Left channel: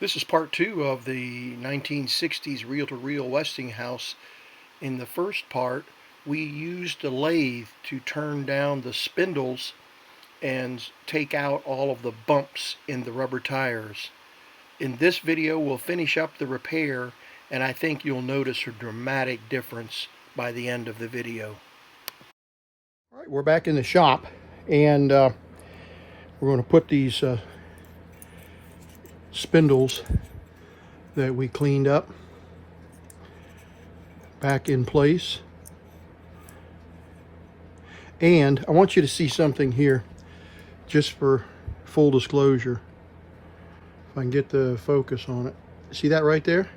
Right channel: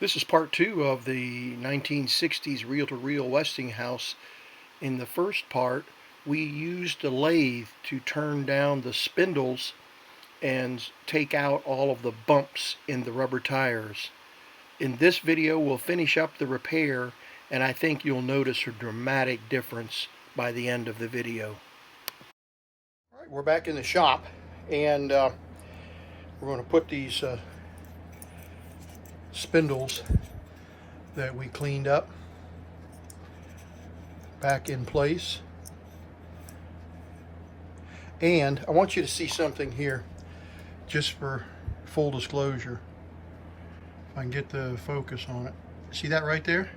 This is part two of the 1960s reel-to-reel Westinghouse. In the first part, we used a lathe to turn down the spindles and take out all of the bumps in the rubber tires. In this video, we'll finish up the repair, and I think you'll notice a dramatic difference by the end of the video. All right, we're back in the shop, and we're going to put these spindles that we cleaned up back in place. And I want you to see something here, just for full disclosure. If I can get the focus on it. See that right there?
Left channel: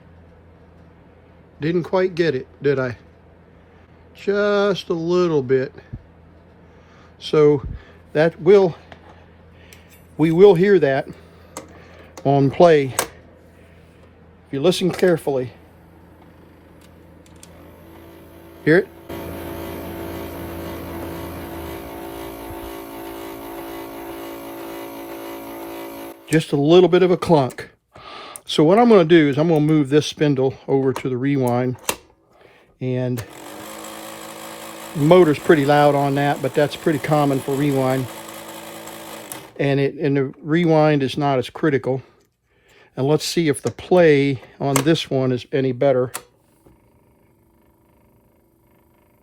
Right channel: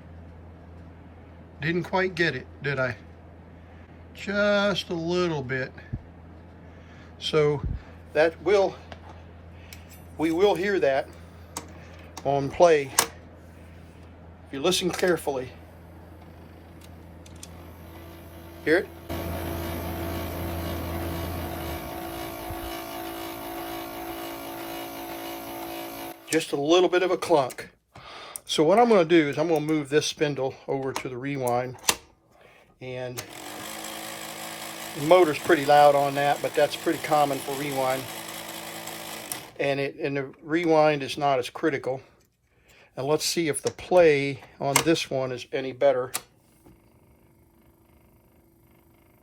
Didn't quite get it, did I? Just a little bit. So that we will hear that on play. If you listen carefully. Hear it? Just a little bit of a clunk. So what I'm going to do is I'm going to move this spindle over to the rewind, and the motor's pretty loud on that, but that's pretty common for rewind, and the rewind is not as critical. And let's see if the play on this one is any better.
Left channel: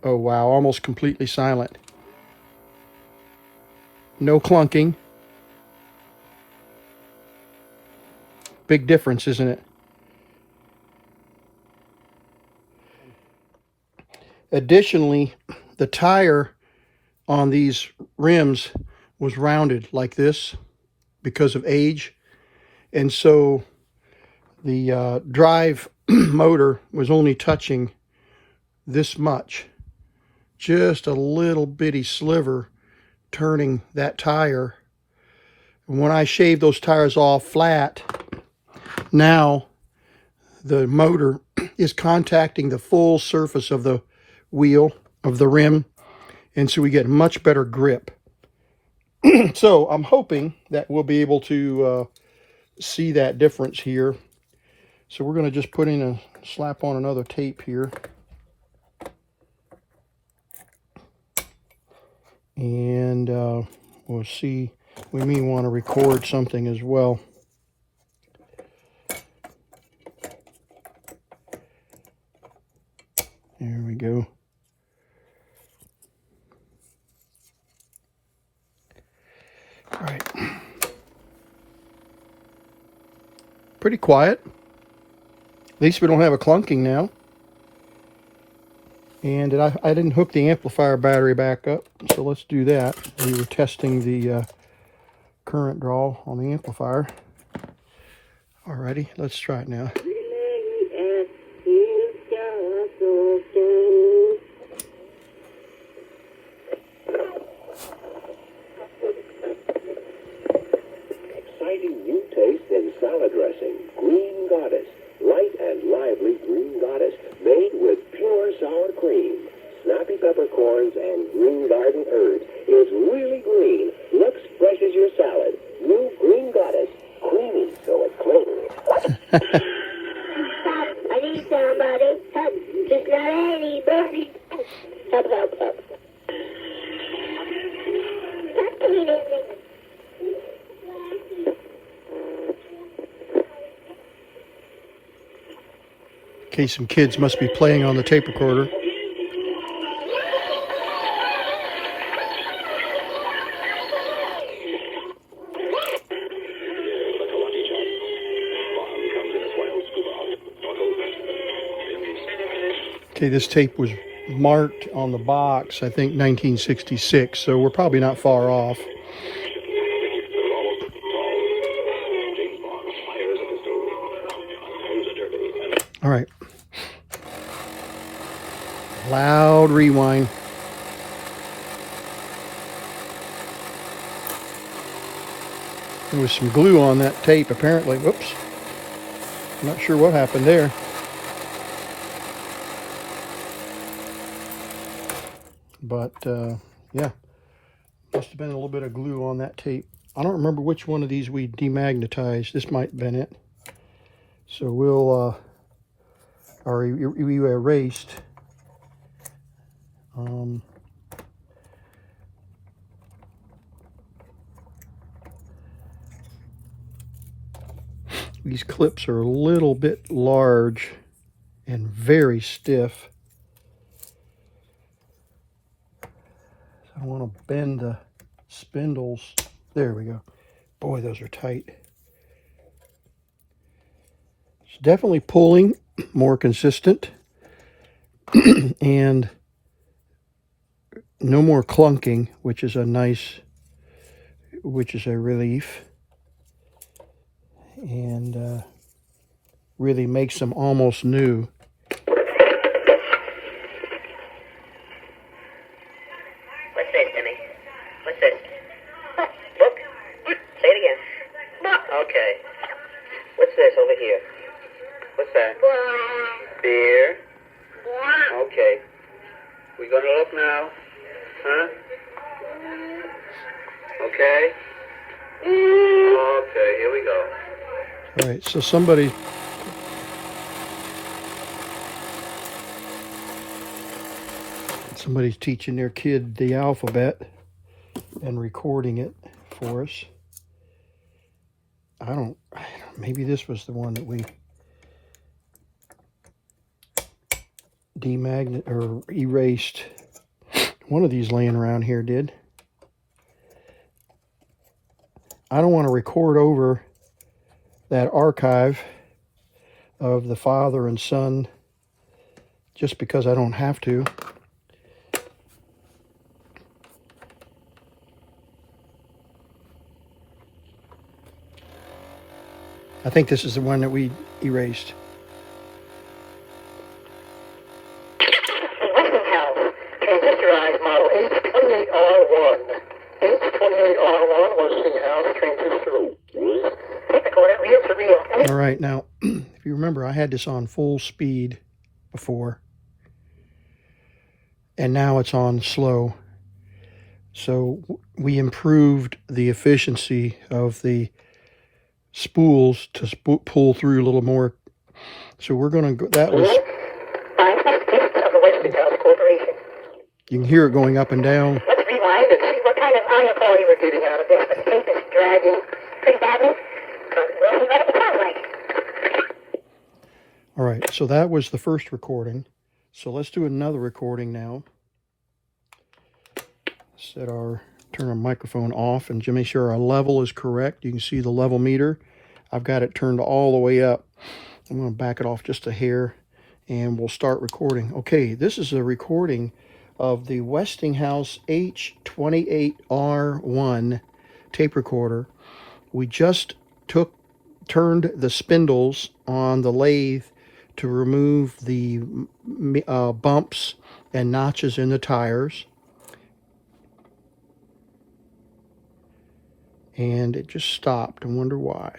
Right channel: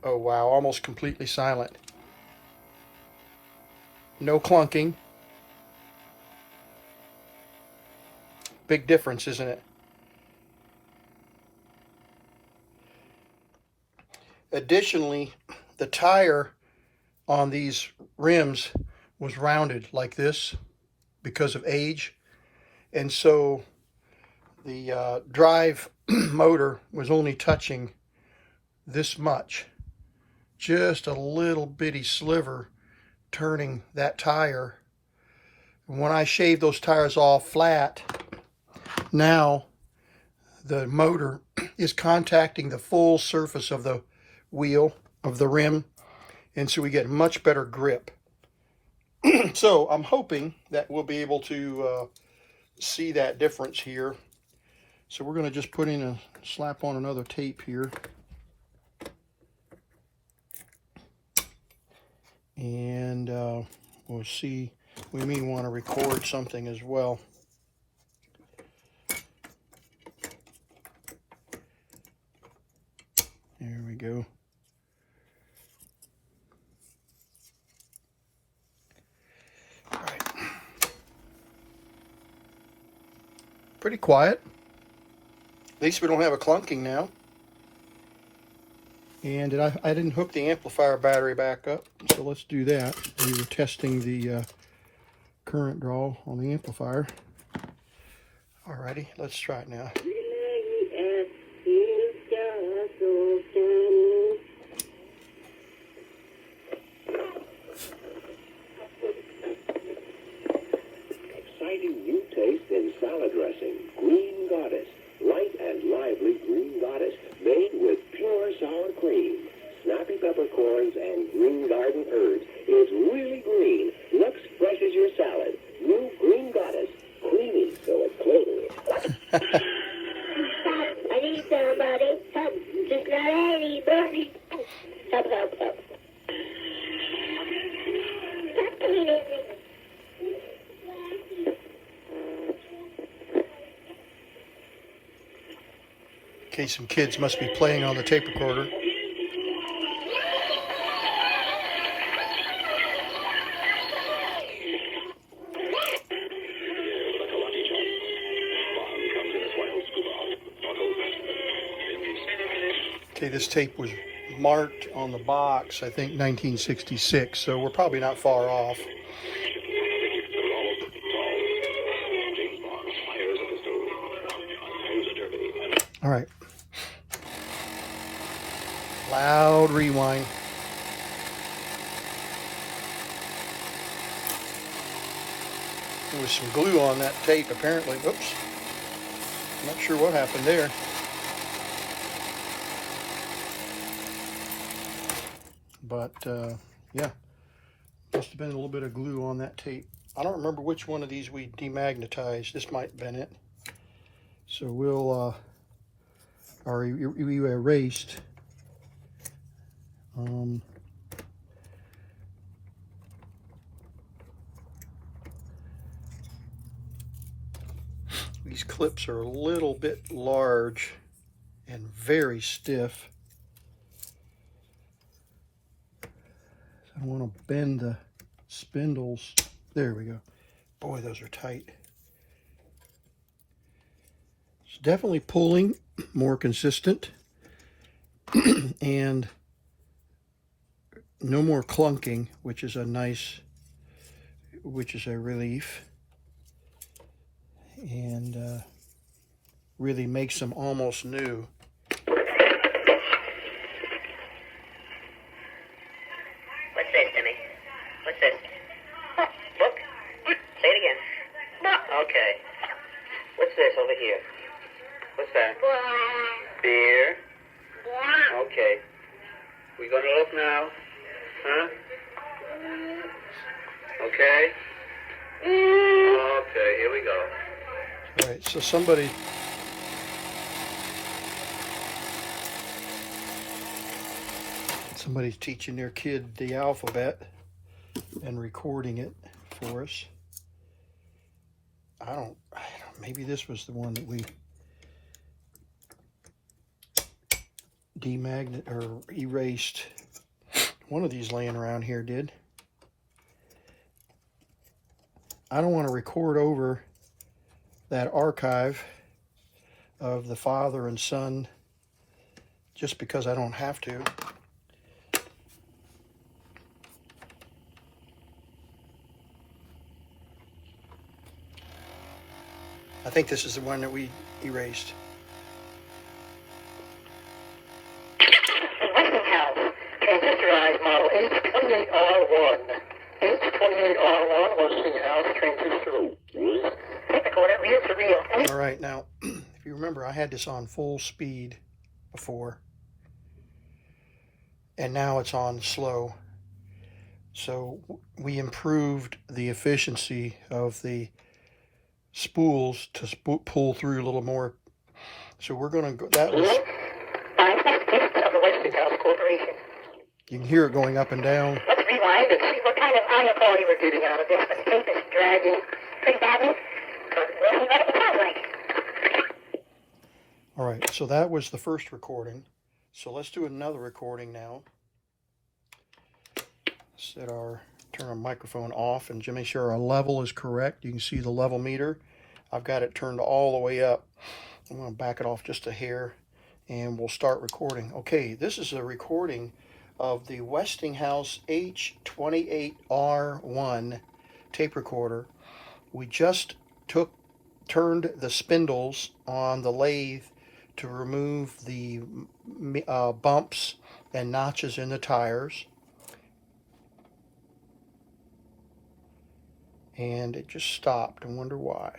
Oh wow, almost completely silent. No clunking. Big difference, isn't it? Additionally, the tire on these rims was rounded like this because of age. And so the drive motor was only touching this much. Just a little bitty sliver turning that tire. And when I shaved those tires off flat, now the motor is contacting the full surface of the wheel, of the rim, and so we get much better grip. So I'm hoping that we'll be able to see that difference here. So we're going to just put in slap on another tape here. And we'll see. We may want to record something as well. There we go. All right. Pretty quiet. At least we don't have a clunking now. And I didn't hook the amplifier battery back up, so let's do that. We were testing the current draw on the amplifier. Alrighty, let's try it now. Exciting new taste in salad dressing. Green Goddess. Light and lively Green Goddess. Made with pure sour cream, snappy peppercorns, and green garden herbs. It's really green. Looks fresh as your salad. New Green Goddess. Creamy so it clings. I need somebody. Help. Just not anybody. Help, help, help. Okay, some kids must be playing on the tape recorder. Okay, this tape was marked on the box, I think 1966, so we're probably not far off. All right. Loud rewind. There was some glue on that tape apparently. Whoops. Not sure what happened there. But yeah, must have been a little bit of glue on that tape. I don't remember which one of these we demagnetized. This might have been it. So we'll, or we erased. These clips are a little bit large and very stiff. So I want to bend the spindles. There we go. Boy, those are tight. It's definitely pulling more consistent and no more clunking, which is a relief, and really makes them almost new. What's this, Timmy? What's this? Book? Say it again. Okay. What's this over here? What's that? Beer. Okay. We gonna look now? Huh? Okay. Okay, here we go. All right, so somebody's teaching their kid the alphabet and recording it for us. Maybe this was the one that we erased. One of these laying around here did. I don't want to record over that archive of the father and son just because I don't have to. I think this is the one that we erased. Westinghouse transistorized model H28R1. H28R1 Westinghouse transistor. All right, now, if you remember, I had this on full speed before, and now it's on slow. So we improved the efficiency of the spools to pull through a little more. So we're going to go, that was, of the Westinghouse Corporation. you can hear it going up and down. Let's rewind and see what kind of audio quality we're getting out of this. The tape is dragging pretty badly. But we'll see what it sounds like. All right, so that was the first recording. So let's do another recording now. Turn our microphone off and make sure our level is correct. You can see the level meter. I've got it turned all the way up. I'm going to back it off just a hair and we'll start recording. Okay, this is a recording of the Westinghouse H28R1 tape recorder. We just turned the spindles on the lathe to remove the bumps and notches in the tires. And it just stopped. I wonder why.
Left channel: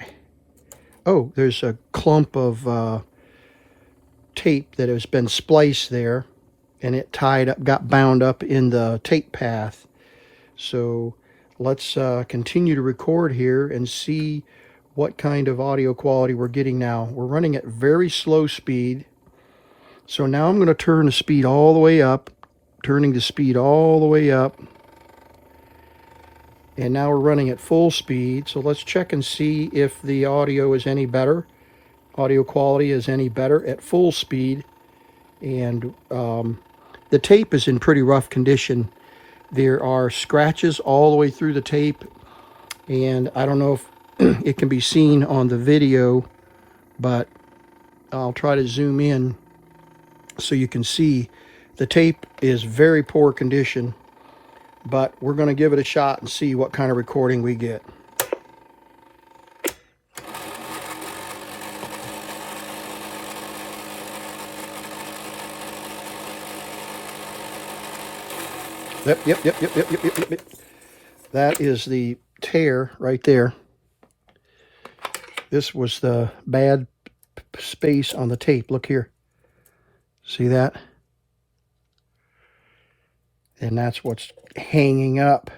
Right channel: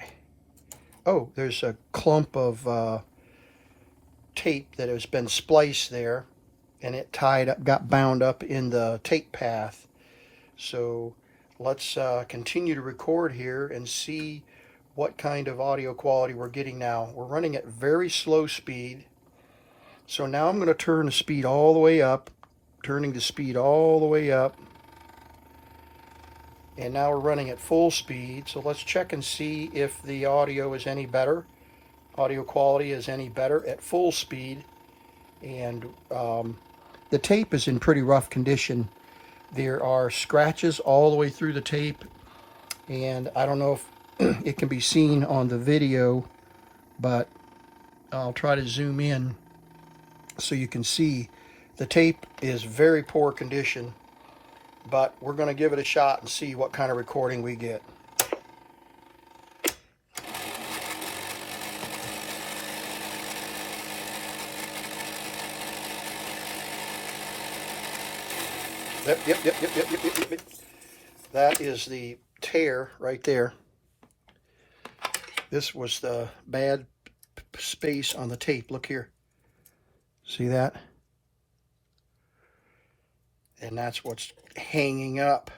Oh, there's a clump of tape that has been spliced there, and it got bound up in the tape path. So let's continue to record here and see what kind of audio quality we're getting now. We're running at very slow speed. So now I'm going to turn the speed all the way up, turning the speed all the way up. And now we're running at full speed. So let's check and see if the audio is any better. Audio quality is any better at full speed. And the tape is in pretty rough condition. There are scratches all the way through the tape. And I don't know if it can be seen on the video, but I'll try to zoom in so you can see the tape is very poor condition. But we're going to give it a shot and see what kind of recording we get. Yep. That is the tear right there. This was the bad space on the tape. Look here. See that? And that's what's hanging up.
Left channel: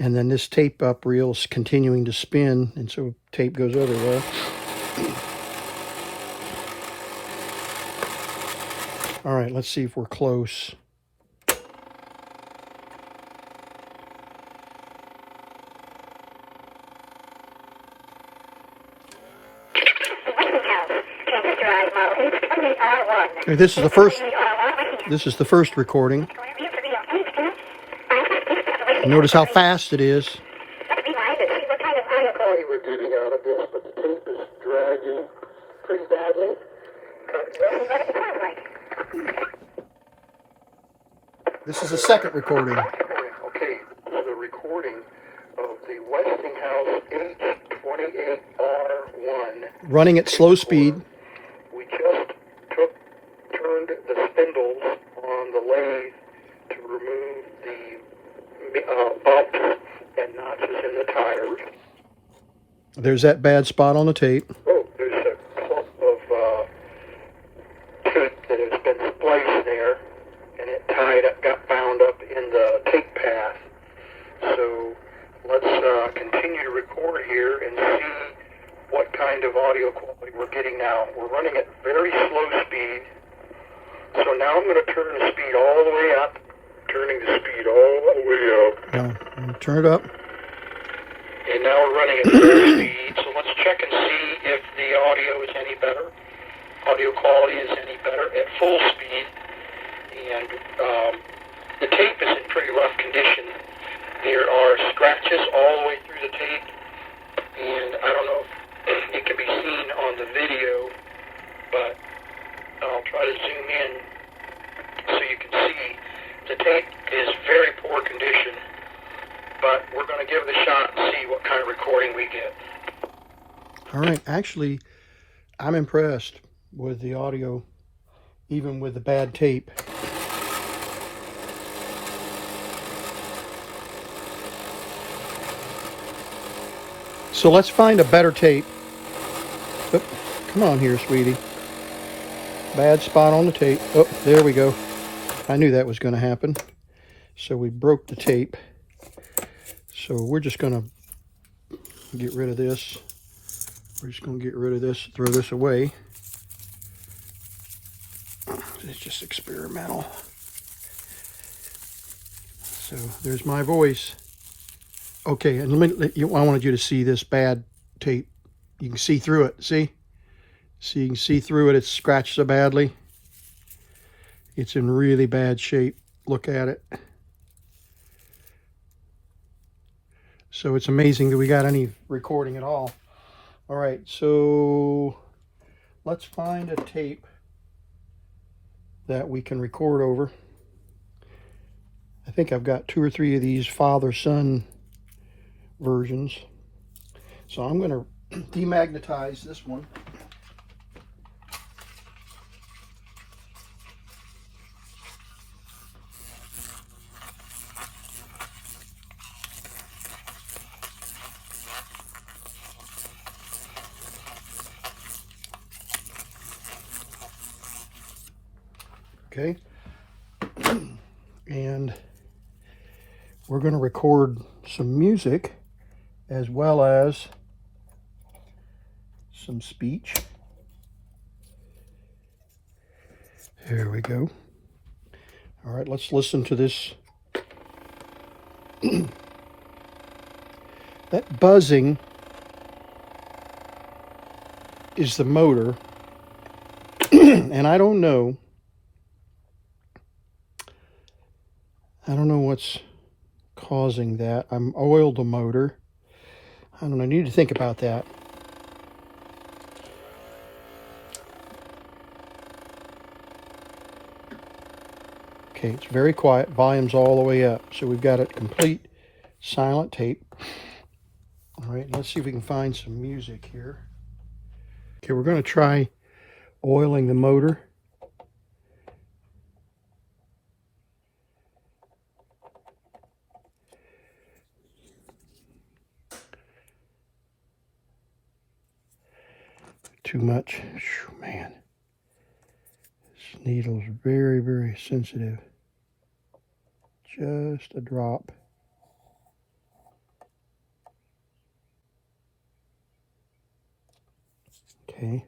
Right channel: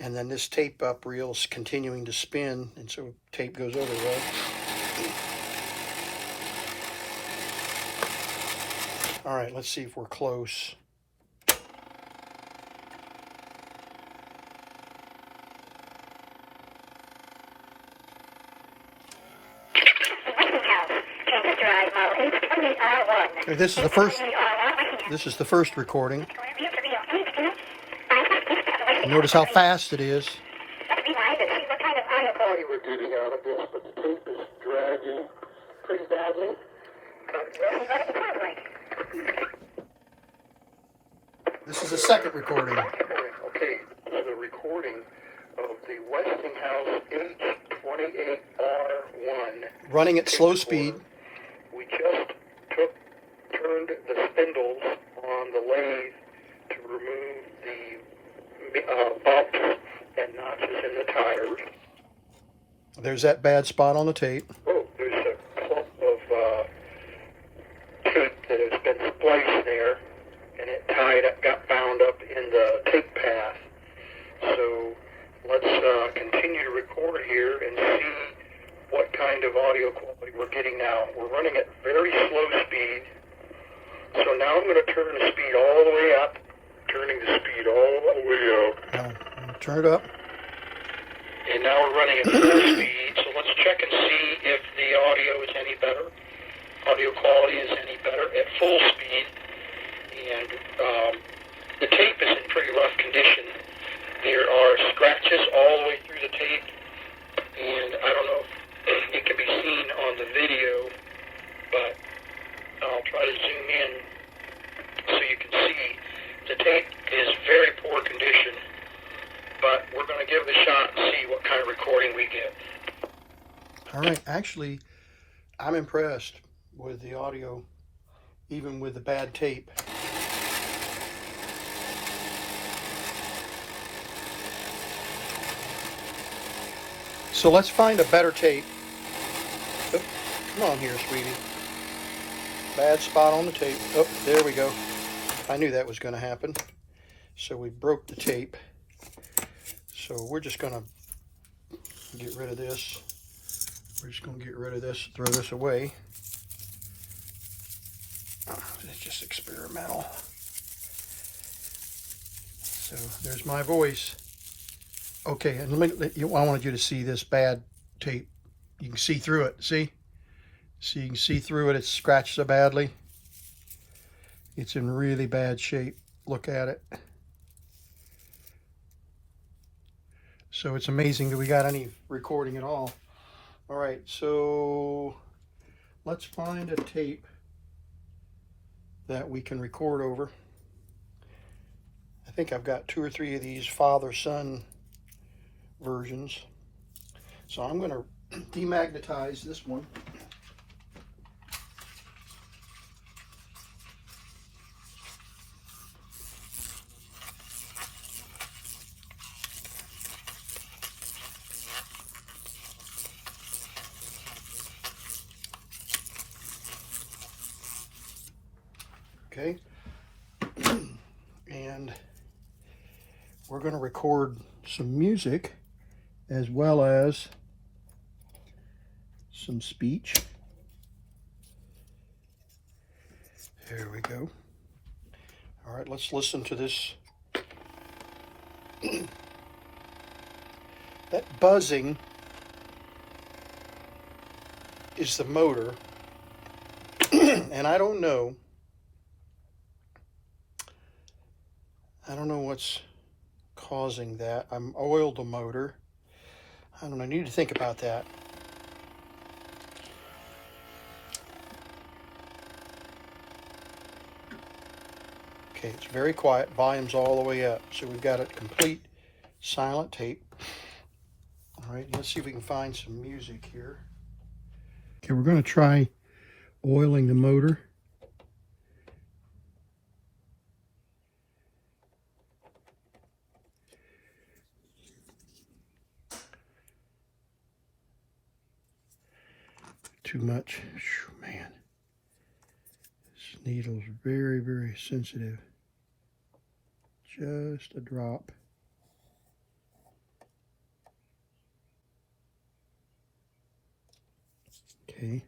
And then this tape up reel is continuing to spin, and so tape goes over there. All right, let's see if we're close. Westinghouse transistor model H28R1. Okay, this is the first recording. Notice how fast it is. Let's rewind and see what kind of audio quality we're getting out of this, but the tape is dragging pretty badly. We'll see what it sounds like. This is the second recording. Okay, the recording of the Westinghouse H28R1. Running at slow speed. We just turned the spindles on the lathe to remove the bumps and notches in the tires. There's that bad spot on the tape. Oh, there's a clump of tape that has been spliced there, and it got bound up in the tape path. So let's continue to record here and see what kind of audio quality we're getting now. We're running at very slow speed. So now I'm going to turn the speed all the way up, turning the speed all the way up. Turn it up. And now we're running at full speed, so let's check and see if the audio is any better. Audio quality is any better at full speed. And the tape is in pretty rough condition. There are scratches all the way through the tape, and I don't know if it can be seen on the video, but I'll try to zoom in so you can see. The tape is very poor condition, but we're going to give it a shot and see what kind of recording we get. All right, actually, I'm impressed with the audio, even with the bad tape. So let's find a better tape. Oh, come on here, sweetie. Bad spot on the tape. Oh, there we go. I knew that was going to happen. So we broke the tape. So we're just going to get rid of this. We're just going to get rid of this, throw this away. It's just experimental. So there's my voice. Okay, and I wanted you to see this bad tape. You can see through it, see? So you can see through it, it's scratched so badly. It's in really bad shape. Look at it. So it's amazing that we got any recording at all. All right, so let's find a tape that we can record over. I think I've got 2 or 3 of these father-son versions. So I'm going to demagnetize this one. Okay, and we're going to record some music as well as some speech. There we go. All right, let's listen to this. That buzzing is the motor, and I don't know what's causing that. I'm oiled the motor. I don't know, I need to think about that. Okay, it's very quiet. Volume's all the way up. So we've got a complete silent tape. All right, let's see if we can find some music here. Okay, we're going to try oiling the motor. Too much. Man, this needle's very, very sensitive. Just a drop. Okay.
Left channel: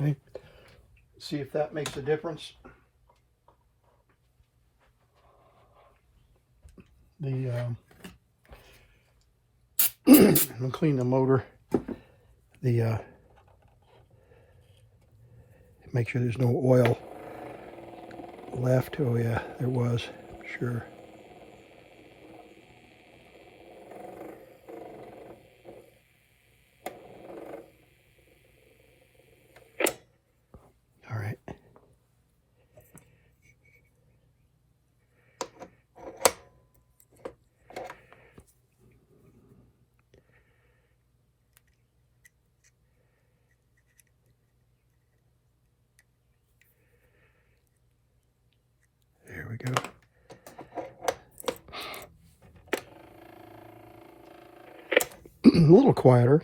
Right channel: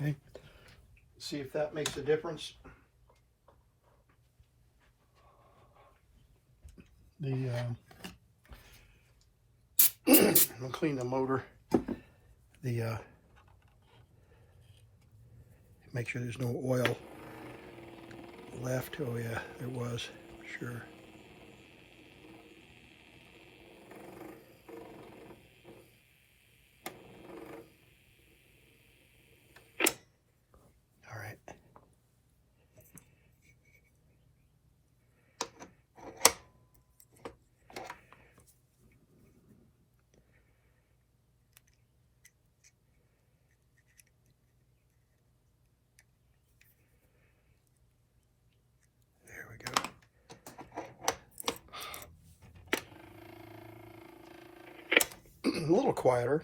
Okay, see if that makes a difference. The I'll clean the motor. The make sure there's no oil left. Oh yeah, there was, sure. All right. There we go. A little quieter.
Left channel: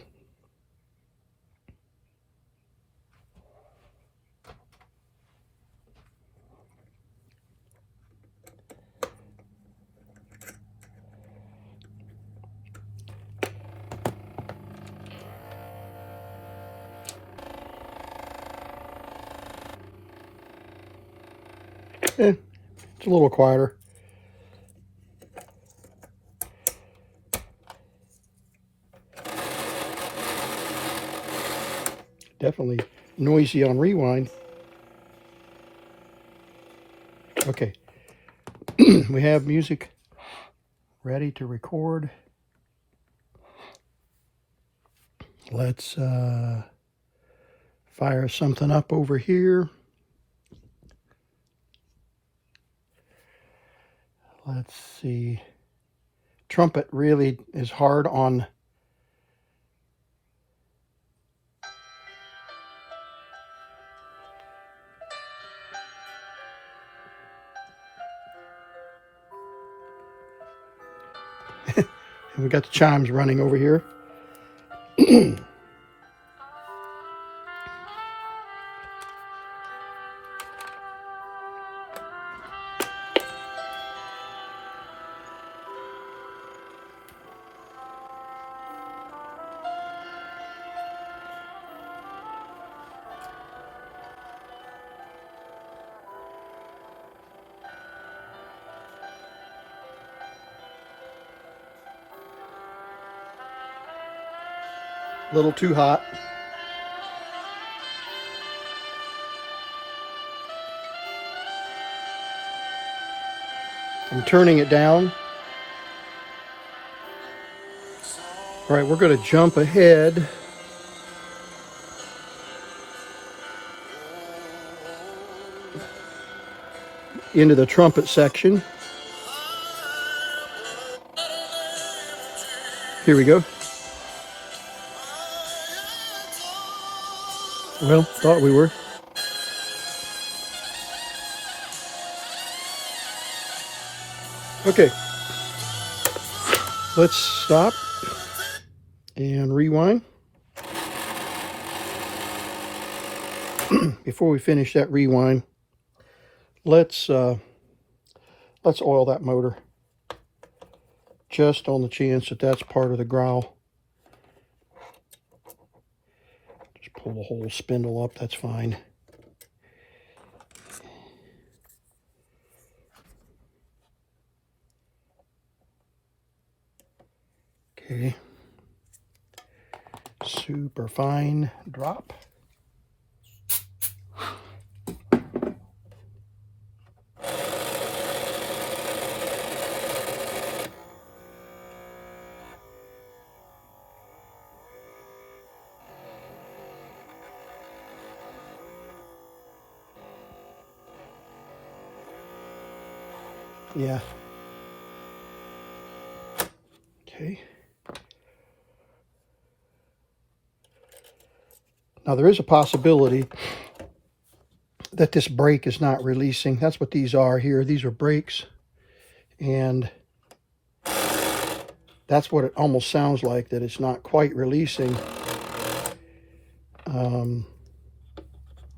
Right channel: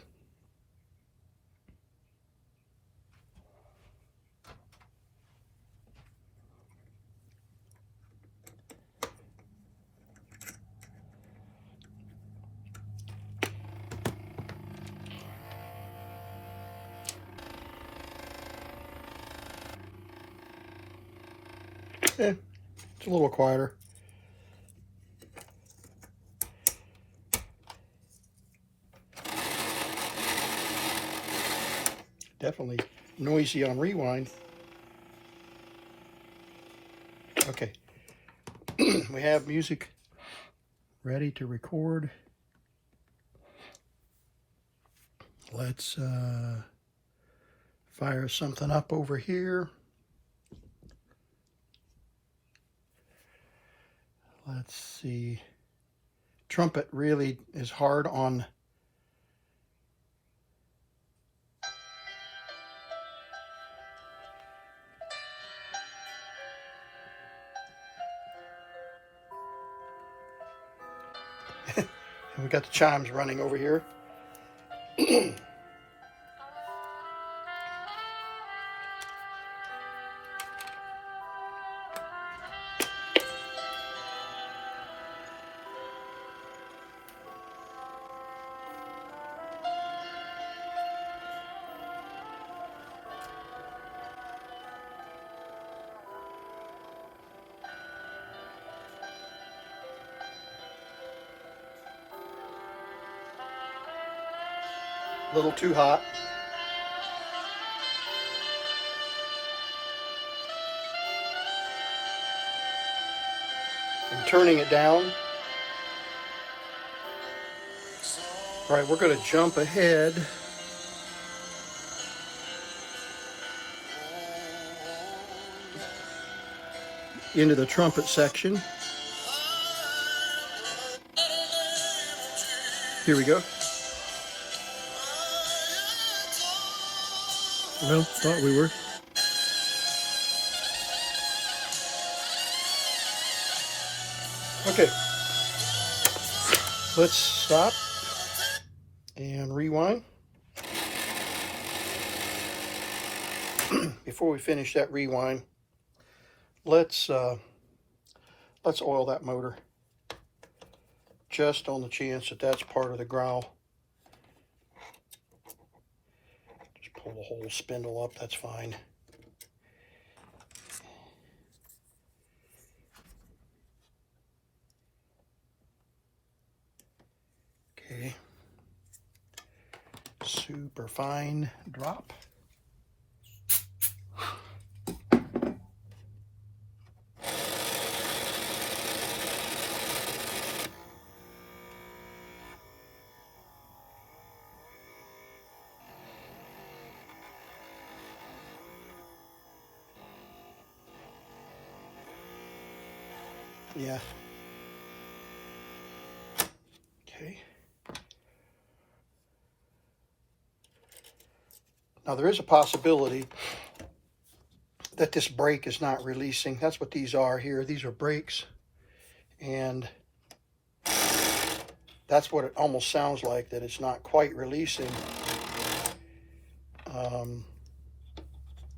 It's a little quieter. Definitely noisy on rewind. Okay, we have music ready to record. Let's fire something up over here. Let's see. Trumpet really is hard on and we got the chimes running over here. A little too hot. I'm turning it down. All right, we're going to jump ahead into the trumpet section. Here we go. Well, thought we were. Okay. Let's stop and rewind. Before we finish that rewind, let's oil that motor, just on the chance that that's part of the growl. Just pull the whole spindle up, that's fine. Okay, super fine drop. Yeah. Okay. Now there is a possibility that this brake is not releasing. That's what these are here. These are brakes. And that's what it almost sounds like, that it's not quite releasing.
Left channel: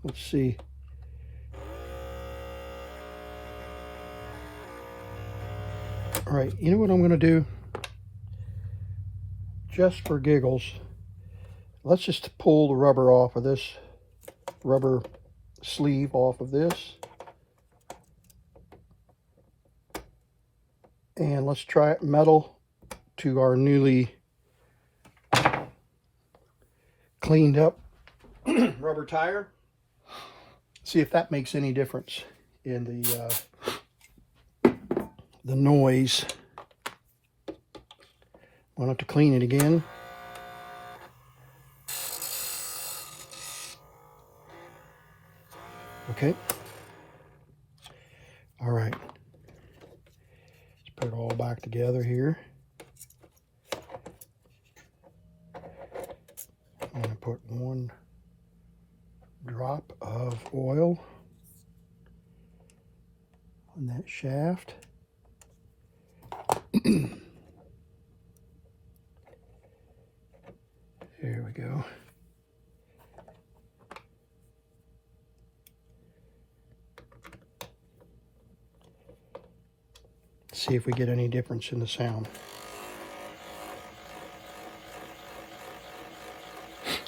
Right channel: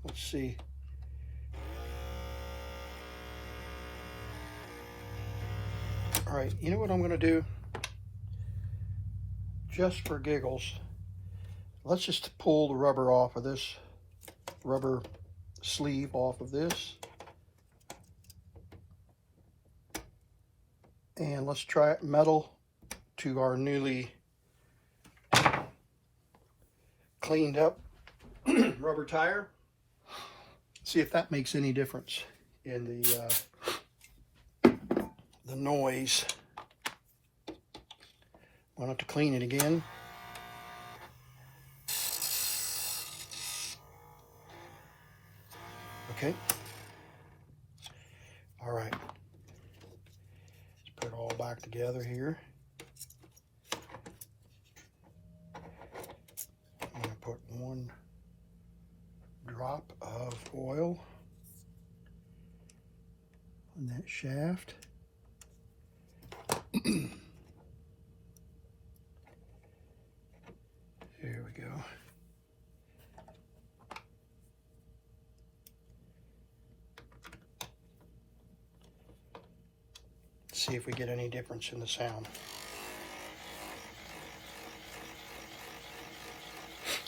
Let's see. All right, you know what I'm going to do? Just for giggles, let's just pull the rubber off of this rubber sleeve off of this. And let's try it metal to our newly cleaned up rubber tire. See if that makes any difference in the noise. We'll have to clean it again. Okay. All right. Let's put it all back together here. I'm going to put 1 drop of oil on that shaft. There we go. See if we get any difference in the sound.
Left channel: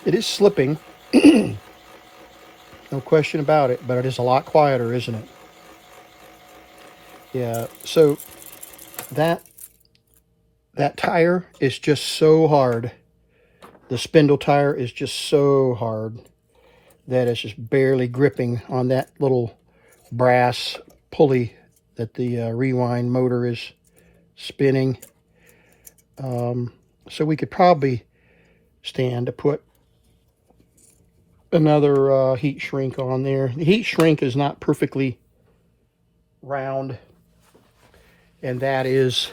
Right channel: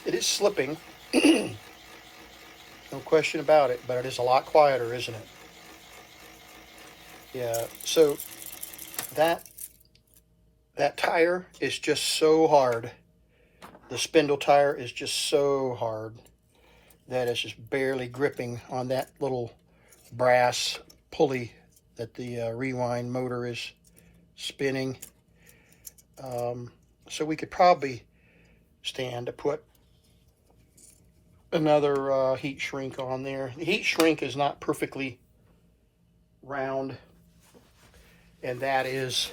It is slipping, no question about it, but it is a lot quieter, isn't it? Yeah, so that tire is just so hard. The spindle tire is just so hard that it's just barely gripping on that little brass pulley that the rewind motor is spinning. So we could probably stand to put another heat shrink on there. The heat shrink is not perfectly round, and that is,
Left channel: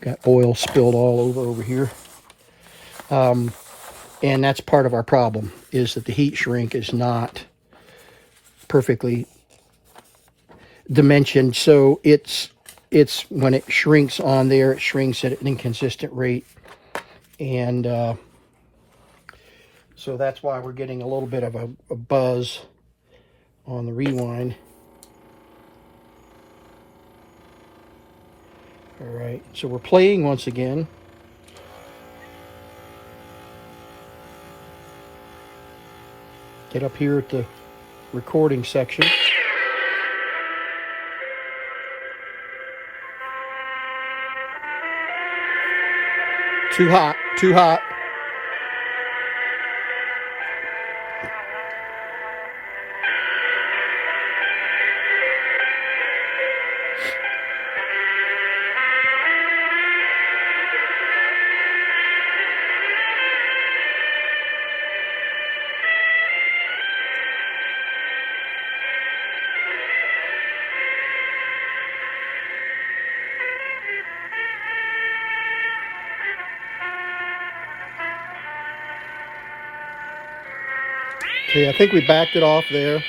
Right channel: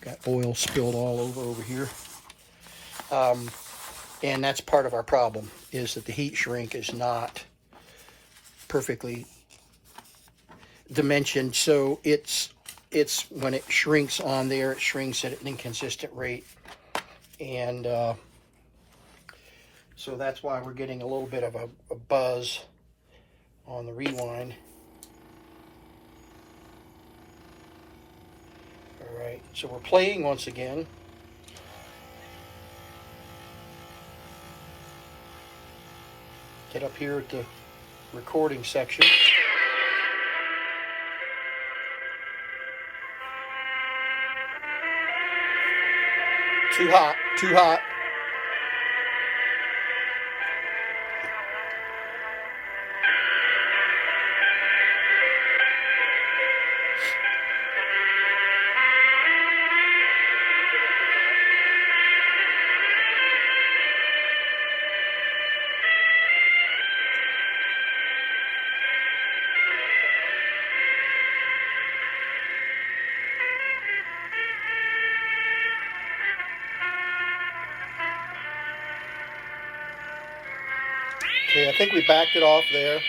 got oil spilled all over here. And that's part of our problem, is that the heat shrink is not perfectly dimensioned. So it's when it shrinks on there, it shrinks at an inconsistent rate. And so that's why we're getting a little bit of a buzz on the rewind. All right, so we're playing once again. Get up here at the recording section. Too hot, too hot. Okay, I think we backed it off there.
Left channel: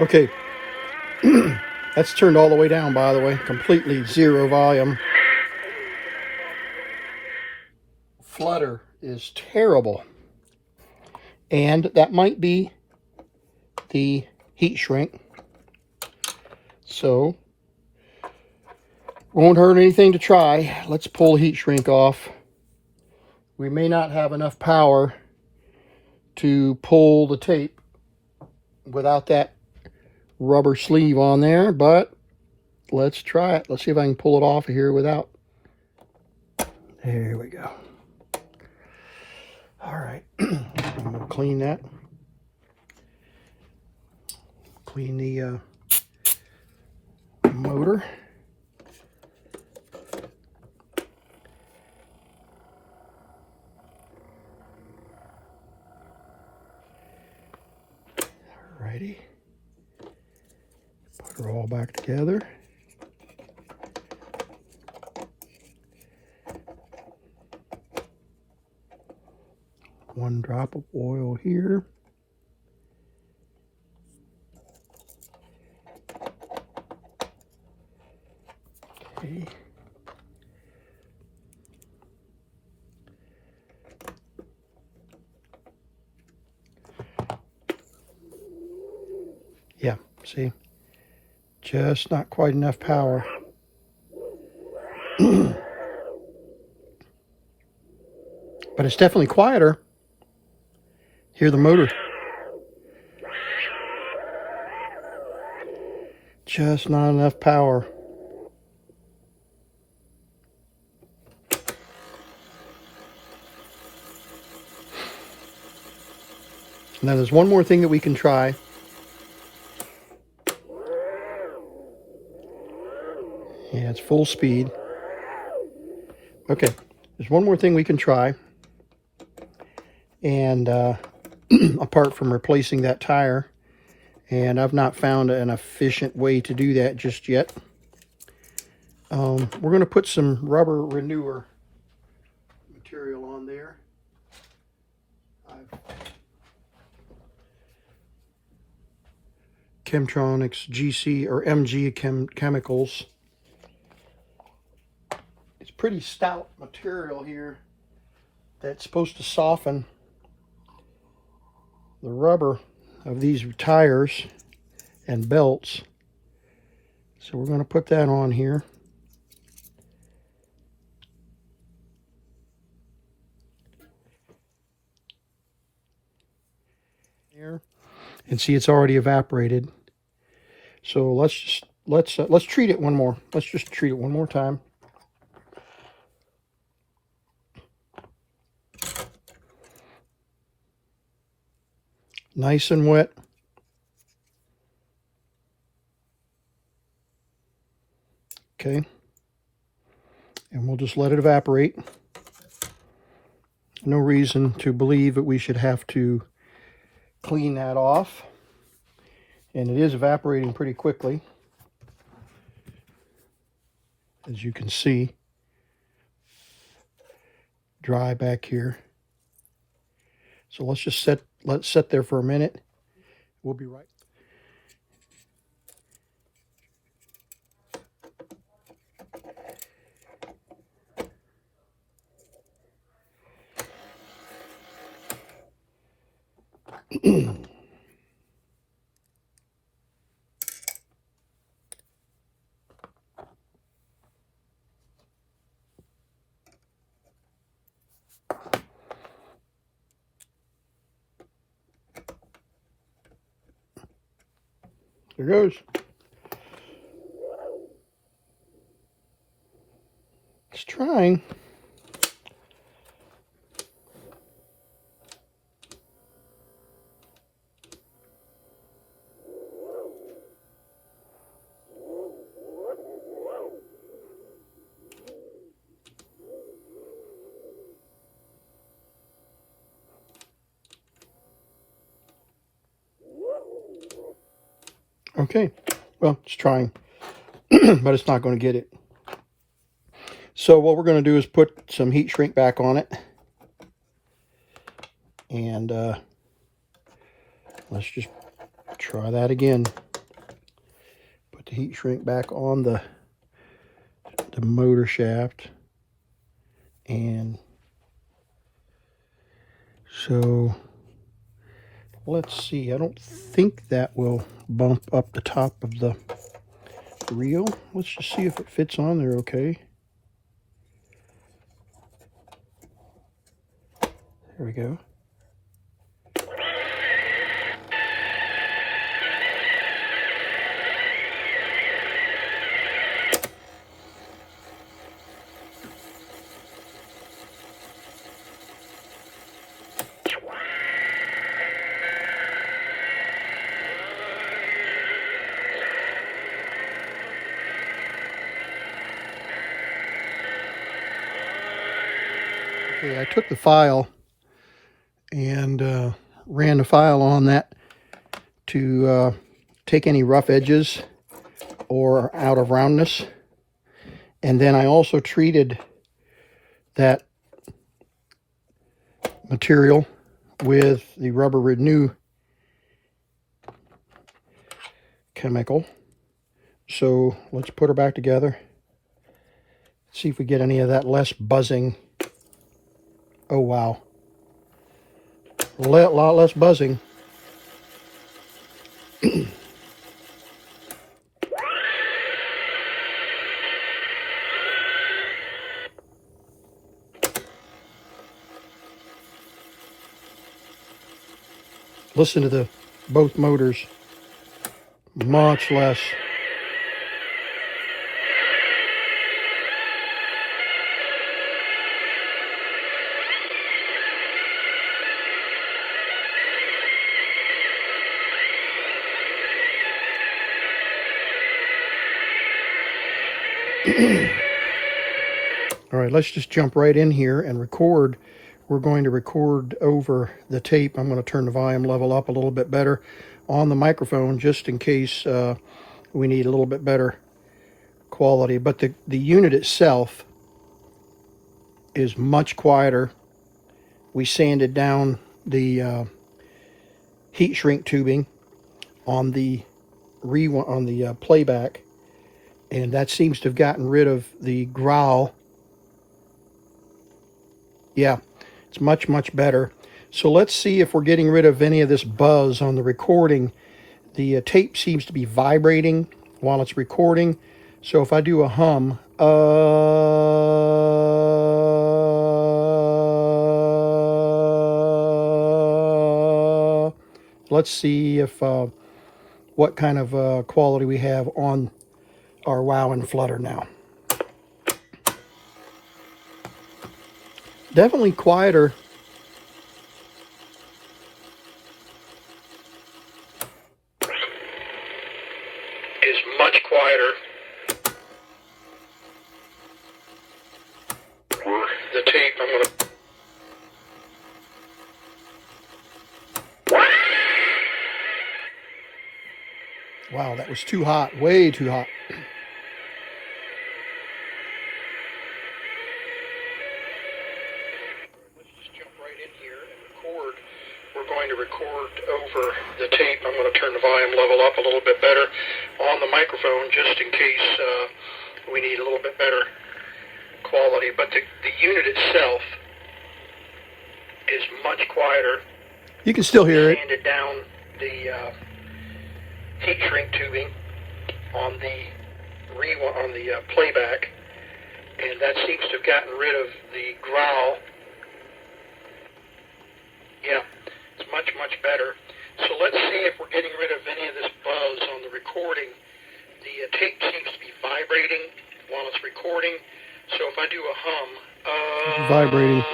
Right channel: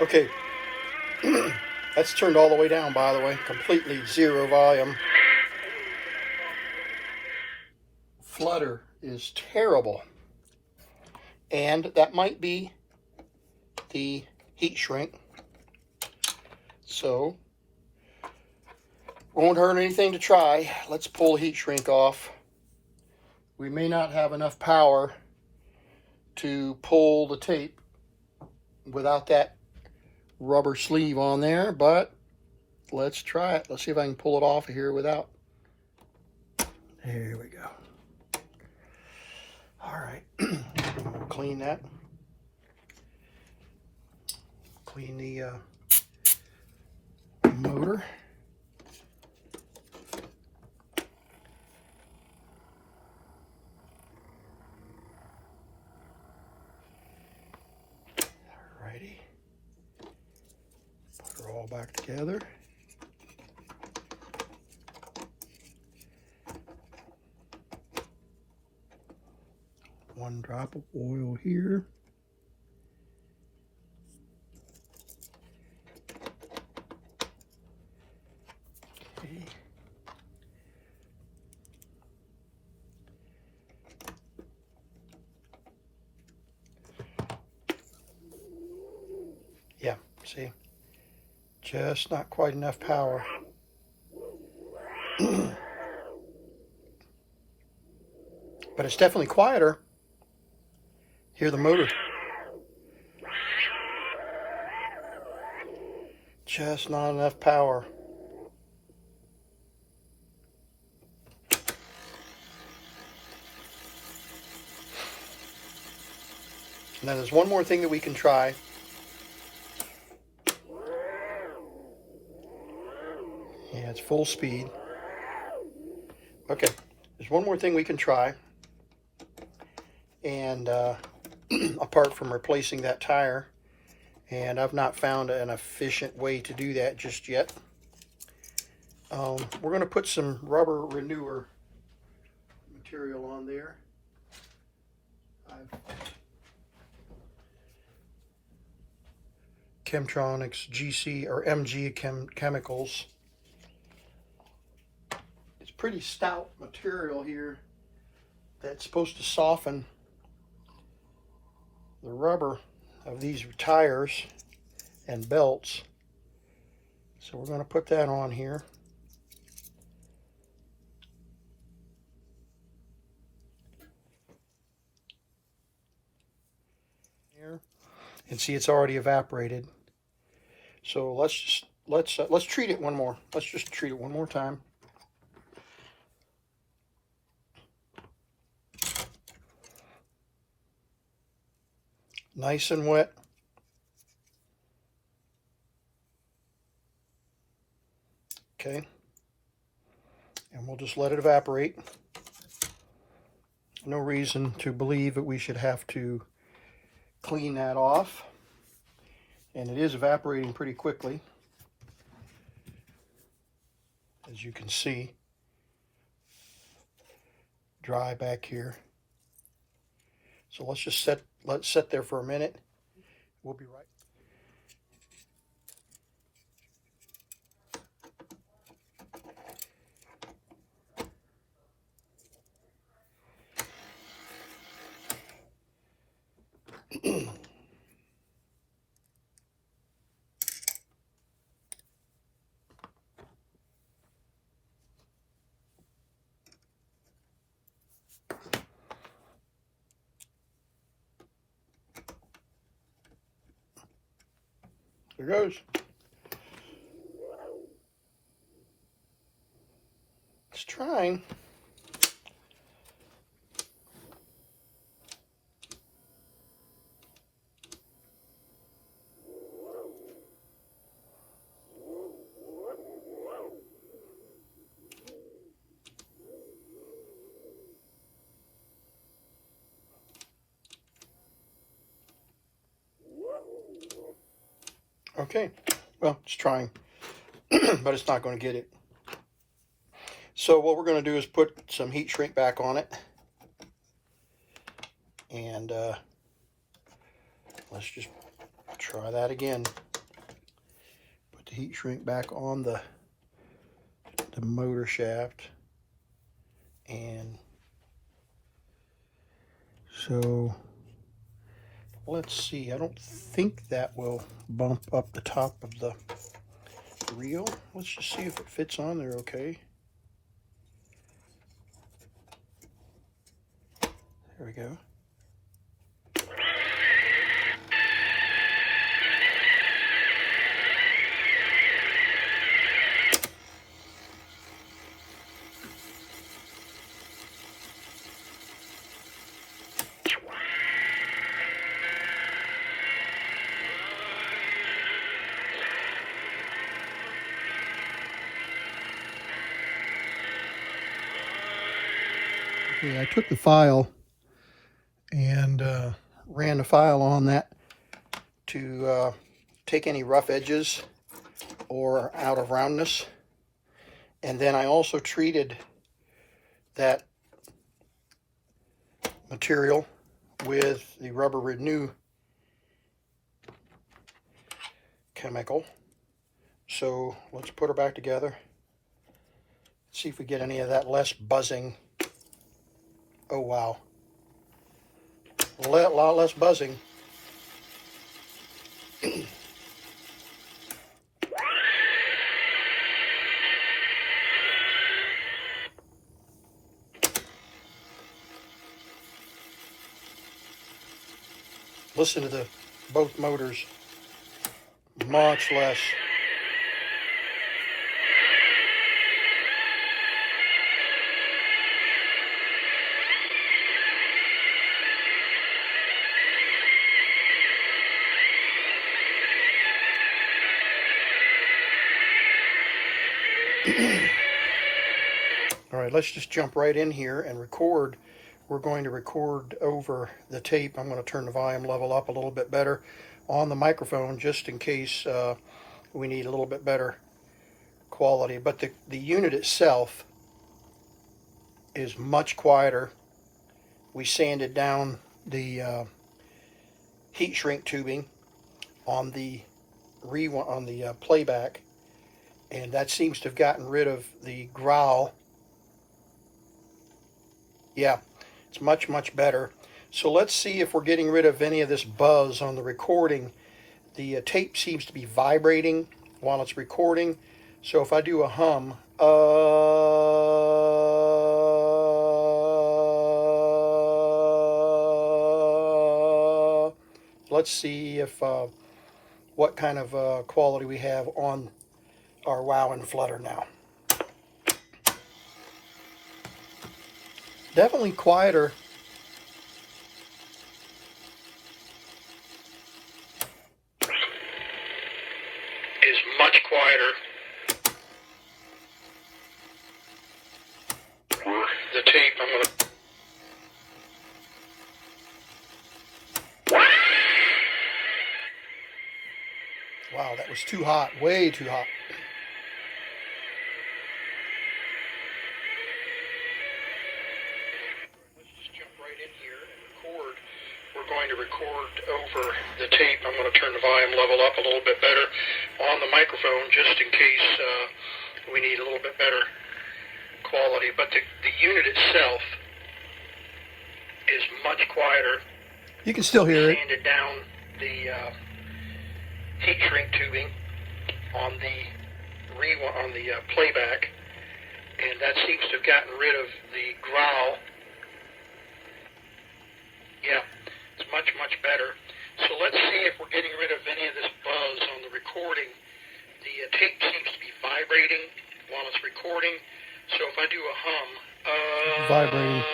Okay, that's turned all the way down, by the way, completely zero volume. Flutter is terrible. And that might be the heat shrink. So, won't hurt anything to try. Let's pull the heat shrink off. We may not have enough power to pull the tape without that rubber sleeve on there, but let's try it. Let's see if I can pull it off of here without. There we go. All right, we'll clean that. Clean the motor. Alrighty. Put her all back together. One drop of oil here. Okay. See? Just not quite enough power. But it's definitely quieter. Hear the motor. Just not enough power. Now there's one more thing that we can try. Yeah, it's full speed. Okay, there's one more thing we can try. And apart from replacing that tire, and I've not found an efficient way to do that just yet. We're going to put some rubber renewer material on there. Chemtronics GC or MG chemicals. It's pretty stout material here that's supposed to soften the rubber of these tires and belts. So we're going to put that on here. And see, it's already evaporated. So let's treat it one more. Let's just treat it one more time. Nice and wet. Okay. And we'll just let it evaporate. No reason to believe that we should have to clean that off. And it is evaporating pretty quickly, as you can see. Dry back here. So let's just let it sit there for a minute. We'll be right. There goes. It's trying. Okay, well, it's trying, but it's not going to get it. So what we're going to do is put some heat shrink back on it. And let's just try that again. Put the heat shrink back on the motor shaft. And so let's see, I don't think that will bump up the top of the reel. Let's just see if it fits on there okay. There we go. Okay, I took the file and ran the file on that to take any rough edges or out of roundness. And then I also treated that material with the rubber renew chemical. So let's put her back together. See if we get any of that less buzzing. Oh wow, a lot less buzzing. Listen to both motors. Much less. All right, let's just jump right in here and record. We're going to record over the tape. I'm going to turn the volume level up a little bit better on the microphone just in case we need a little bit better quality. But the unit itself is much quieter. We sanded down the heat shrink tubing on the playback, and that seems to have gotten rid of the growl. Yeah, it's much, much better. So let's see if we're getting rid of any of this buzz on the recording. The tape seems to be vibrating while it's recording. So if I do a hum, let's see if what kind of quality we have on our wow and flutter now. Definitely quieter. Is much quieter. The tape, I'm going to... Wow, that was too hot, way too hot. We're going to record over the tape. I'm going to turn the volume level up a little bit better on the microphone just in case we need a little bit better quality. But the unit itself is much quieter. You can still hear it. Sanded down the heat shrink tubing on the playback, and that seems to have gotten rid of the growl. Yeah, it's much, much better. So let's see if we're getting rid of any of this buzz on the recording. The tape seems to be vibrating while it's recording. So if I do a hum, Vibrating.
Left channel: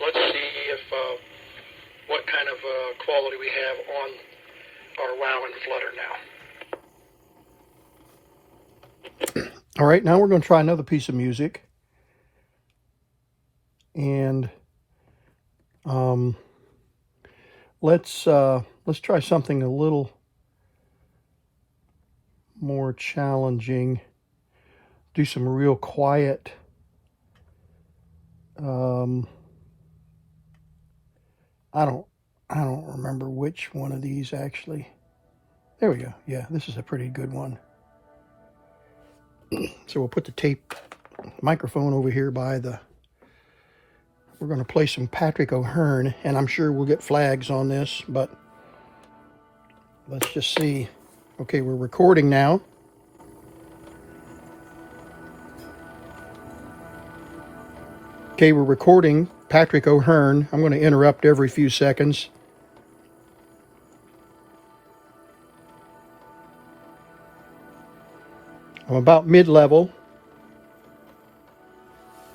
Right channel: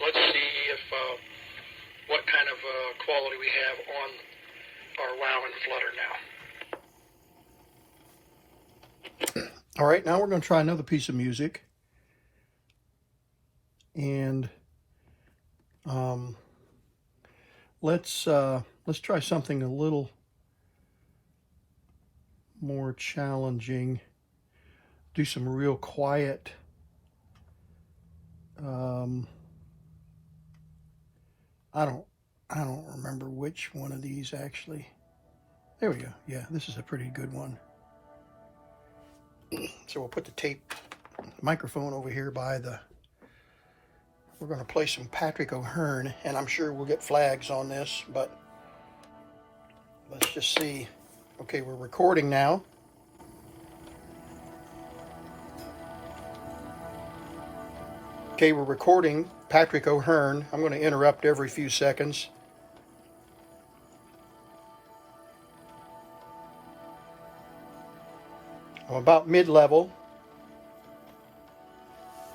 Let's see if what kind of quality we have on our wow and flutter now. All right, now we're going to try another piece of music. And let's try something a little more challenging. Do some real quiet I don't remember which one of these actually. There we go. Yeah, this is a pretty good one. So we'll put the tape microphone over here by the... We're going to play some Patrick O'Hearn, and I'm sure we'll get flags on this, but let's just see. Okay, we're recording now. Okay, we're recording Patrick O'Hearn. I'm going to interrupt every few seconds. I'm about mid-level.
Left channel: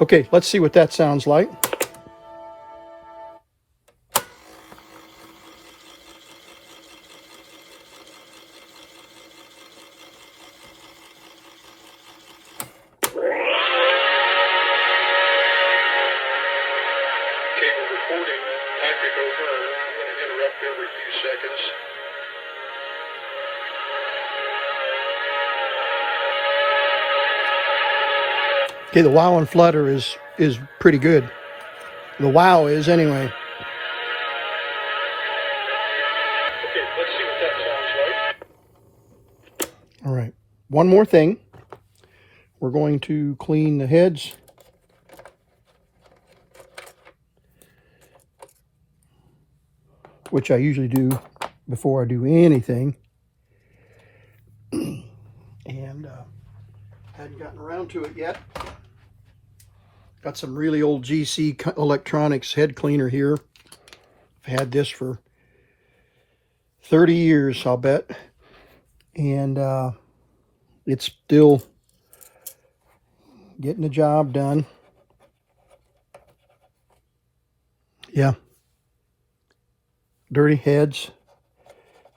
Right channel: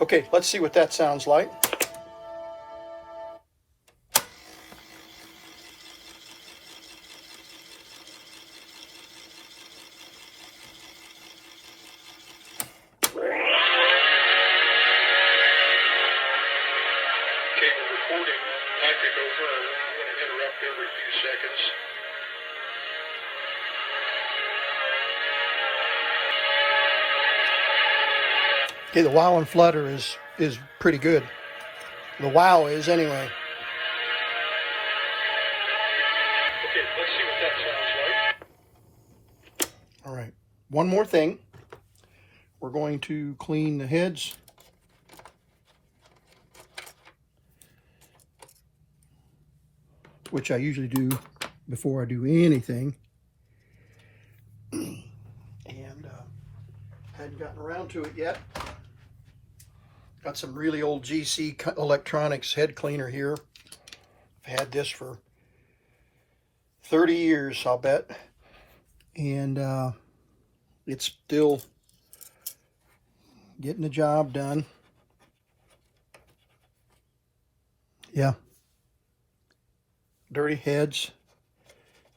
Okay, let's see what that sounds like. Okay, the wow and flutter is pretty good. The wow is anyway. Okay, let's see what that sounds like. All right, one more thing. We're going to clean the heads. Which I usually do before I do anything. And hadn't gotten around to it yet. Got some really old GC Electronics head cleaner here. I've had this for 30 years, I'll bet. And it's still getting the job done. Yeah. Dirty heads.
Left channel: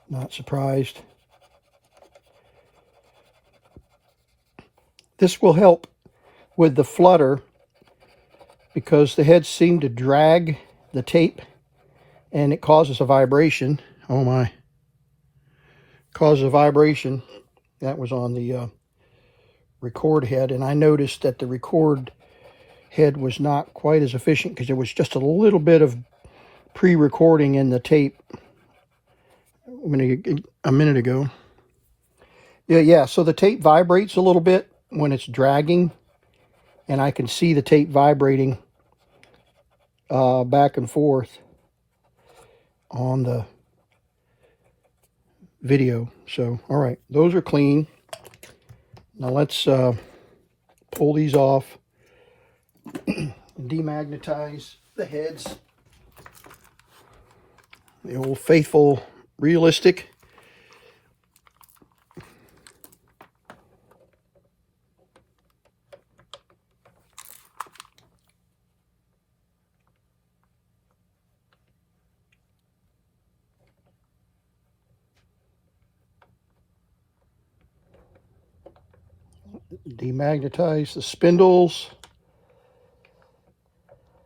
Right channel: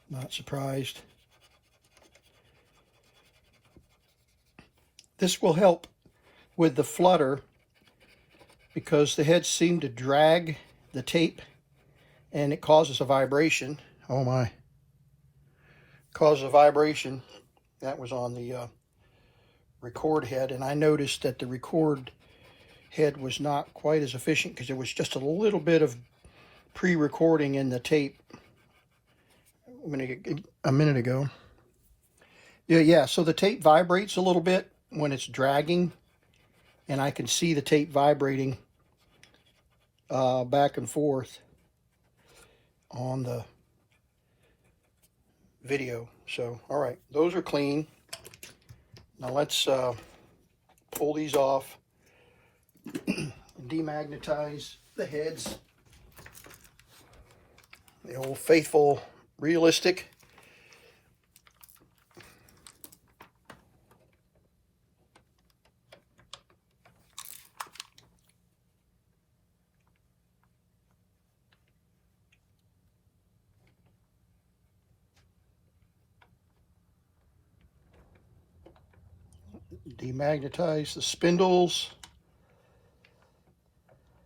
Not surprised. This will help with the flutter because the heads seem to drag the tape and it causes a vibration. Oh my. Causes a vibration. That was on the record head, and I noticed that the record head was not quite as efficient because there was just a little bit of pre-recording in the tape a minute ago. Yeah, so the tape vibrates a little bit when it's dragging, and I can see the tape vibrating back and forth on the video. So, all right, those are clean. Now let's pull these off, demagnetize the heads. The old faithful realistic. Demagnetize the spindles.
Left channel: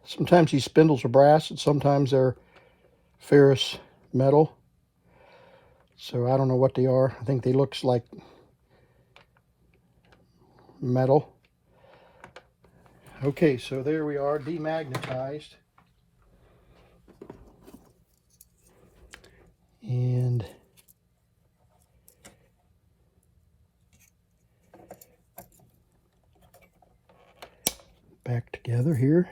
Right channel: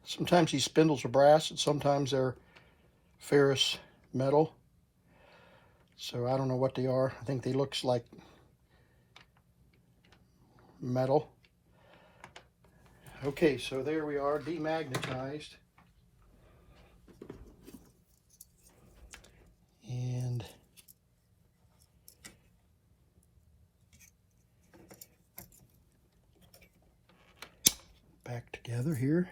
Sometimes these spindles are brass and sometimes they're ferrous metal. So I don't know what they are. I think they look like metal. Okay, so there we are, demagnetized. And back together here.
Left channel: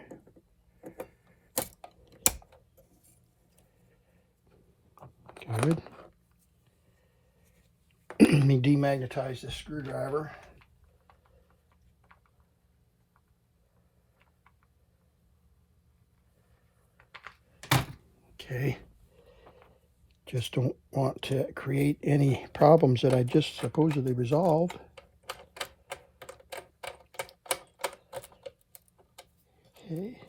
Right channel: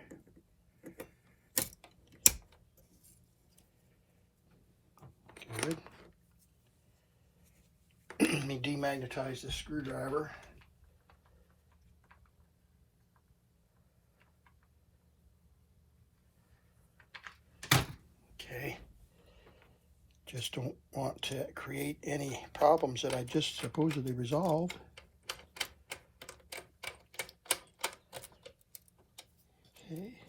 Good. Let me demagnetize this screwdriver. Okay. Just don't want to create any problems that I just supposedly resolved. Okay.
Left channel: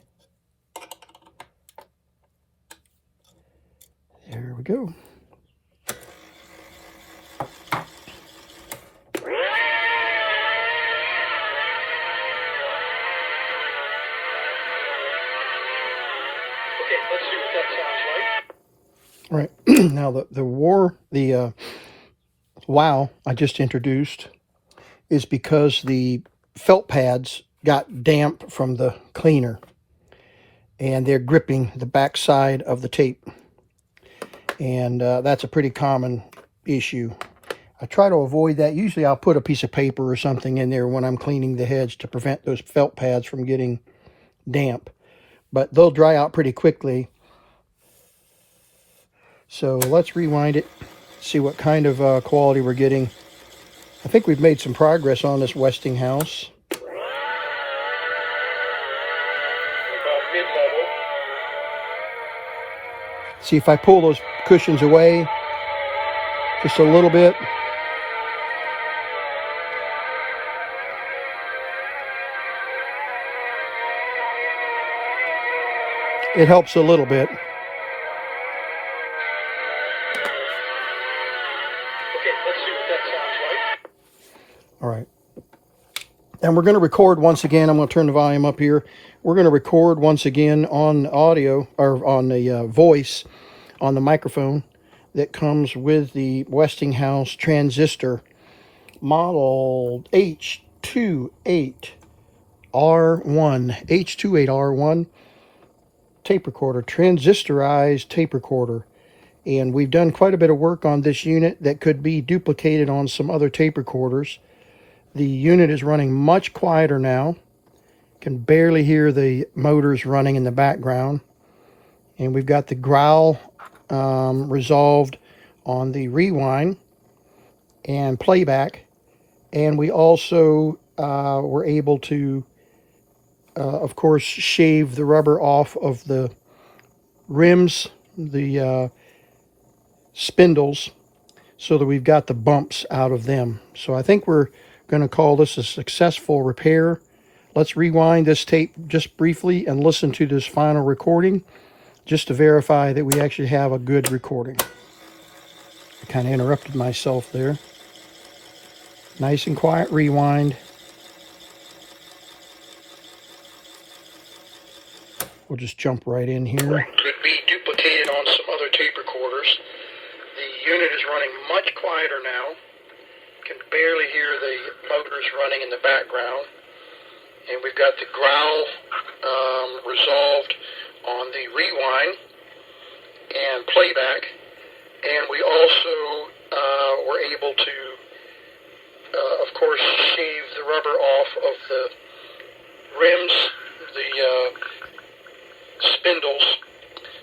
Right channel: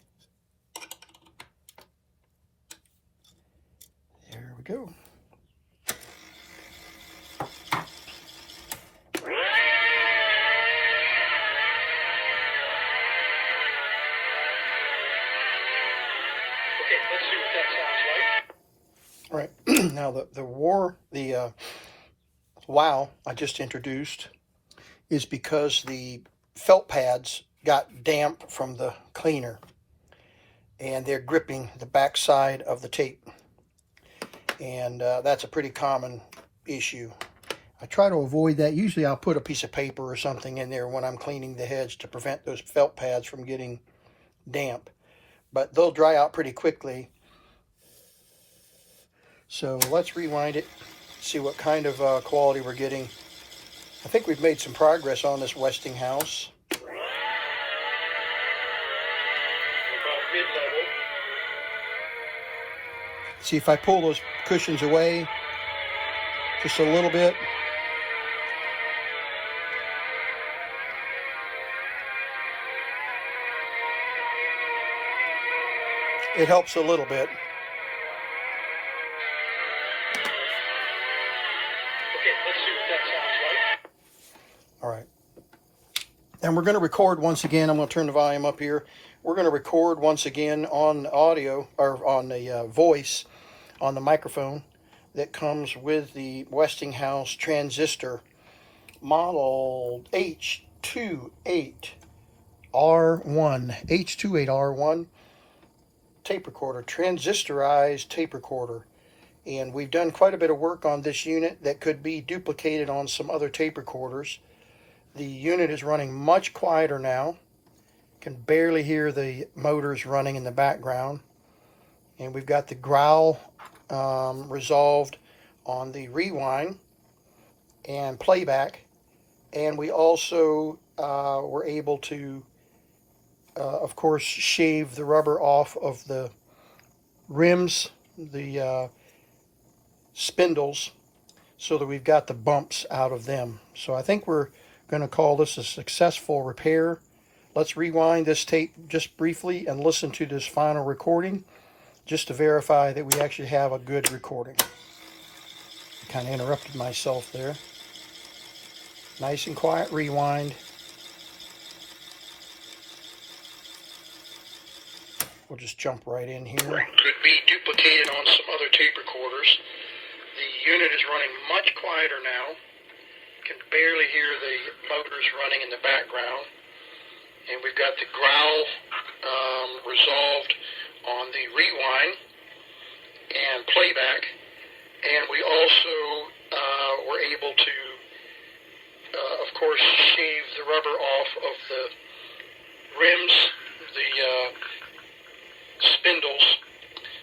There we go. Let's see what that sounds like. Right. Now the wow I just introduced is because the felt pads got damp from the cleaner and they're gripping the back side of the tape, and that's a pretty common issue. I try to avoid that. Usually I'll put a piece of paper or something in there when I'm cleaning the heads to prevent those felt pads from getting damp, but they'll dry out pretty quickly. So let's rewind it, see what kind of quality we're getting. I think we've made some progress on this Westinghouse. About mid-level. See if I pull those cushions away just a little bit. It helps a little bit. All right. And we're going to record once again. I'm going to turn the volume up here. We're going to record once again on audio, or on the voice, on the microphone that comes with the Westinghouse transistor model H28R1 tape recorder, transistorized tape recorder. And we've done quite a bit of work on this unit that could be duplicated on some other tape recorders. The unit is running much quieter now. Can barely hear the motors running in the background. And we've got the growl resolved on the rewind and playback. And we also were able to of course, shave the rubber off of the rims, the spindles, so that we've got the bumps out of them. So I think we're going to call this a successful repair. Let's rewind this tape just briefly and listen to this final recording just to verify that we actually have a good recording. I kind of interrupted myself there. Nice and quiet rewind. We'll just jump right in here. Could be duplicated on some other tape recorders. The unit is running much quieter now. Can barely hear the motors running in the background. And we've got the growl resolved on the rewind and playback. And we also were able to, of course, shave the rubber off of the rims, the spindles,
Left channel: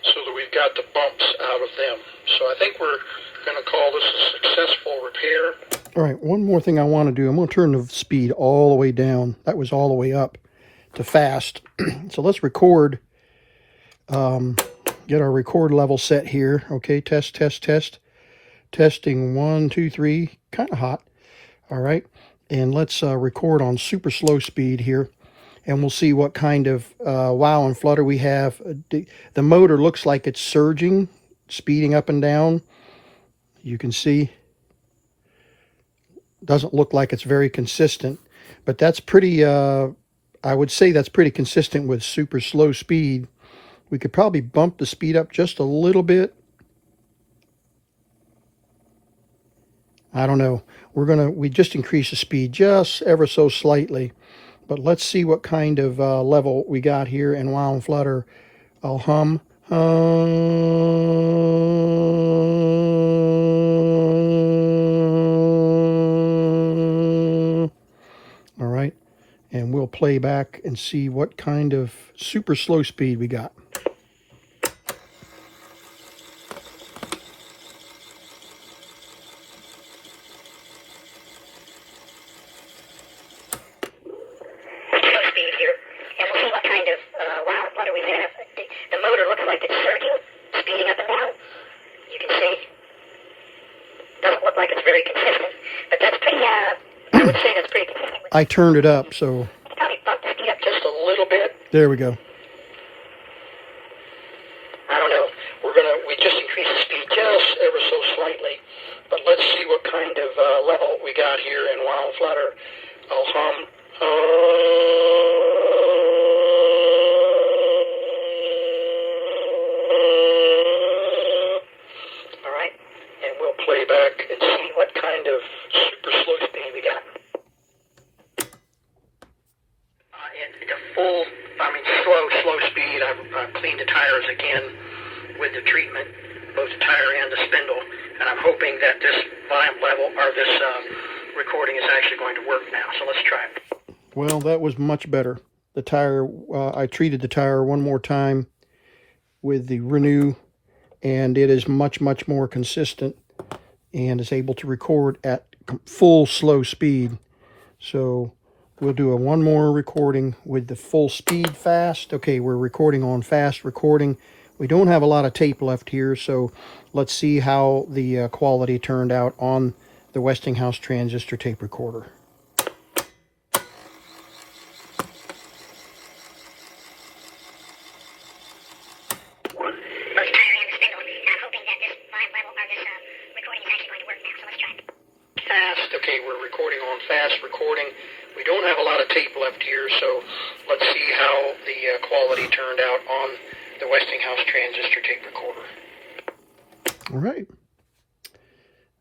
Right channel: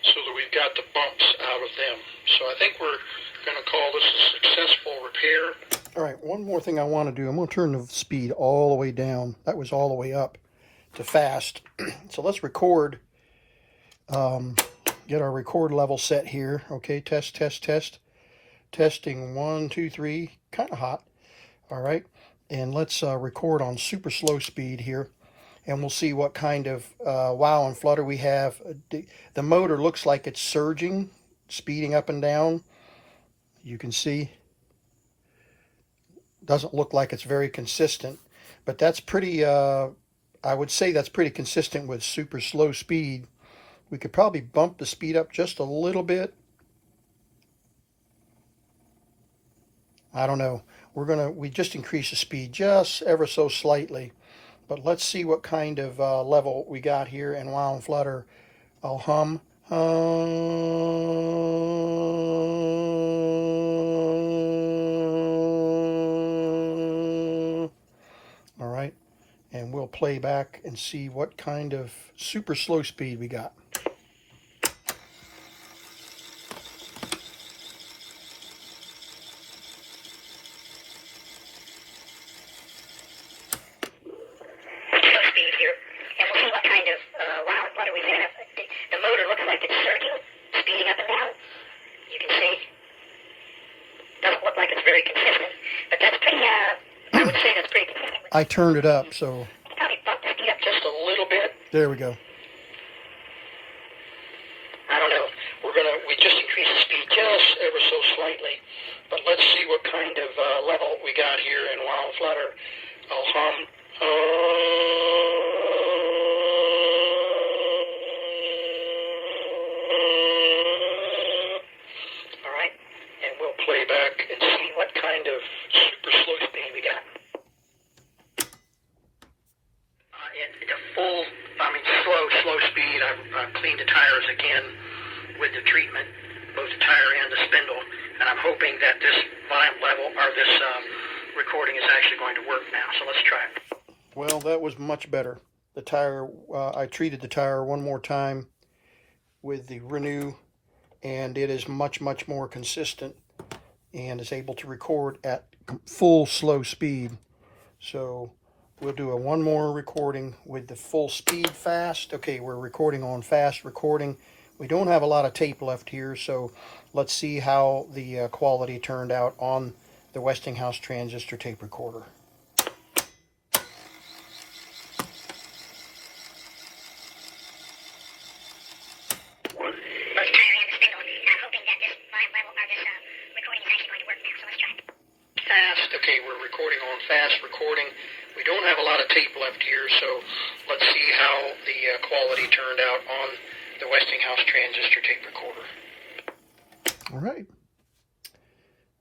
so that we've got the bumps out of them. So I think we're going to call this a successful repair. All right, one more thing I want to do. I'm going to turn the speed all the way down. That was all the way up to fast. So let's record, get our record level set here. Okay, test, test, test. Testing 1, 2, 3, kind of hot. All right, and let's record on super slow speed here. And we'll see what kind of wow and flutter we have. The motor looks like it's surging, speeding up and down. You can see. Doesn't look like it's very consistent, but that's pretty, I would say that's pretty consistent with super slow speed. We could probably bump the speed up just a little bit. I don't know. We just increase the speed just ever so slightly. But let's see what kind of level we got here in wow and flutter. I'll hum. All right, and we'll play back and see what kind of super slow speed we got. I turned it up, so Probably bump the speed up just a little bit. There we go. I don't know. We just increased the speed just ever so slightly, but let's see what kind of level we got here in wow and flutter. I'll hum. All right, and we'll play back and see what kind of super slow speed we got. Slow speed. I've cleaned the tires again with the treatment, both the tire and the spindle, and I'm hoping that this volume level, or this recording is actually going to work now. So let's try it. Well, that was much better. The tire, I treated the tire one more time with the Renew, and it is much, much more consistent and is able to record at full slow speed. So we'll do one more recording with the full speed fast. Okay, we're recording on fast recording. We don't have a lot of tape left here, so let's see how the quality turned out on the Westinghouse transistor tape recorder. Fast. Okay, we're recording on fast recording. We don't have a lot of tape left here, so let's see how the quality turned out on the Westinghouse transistor tape recorder. All right.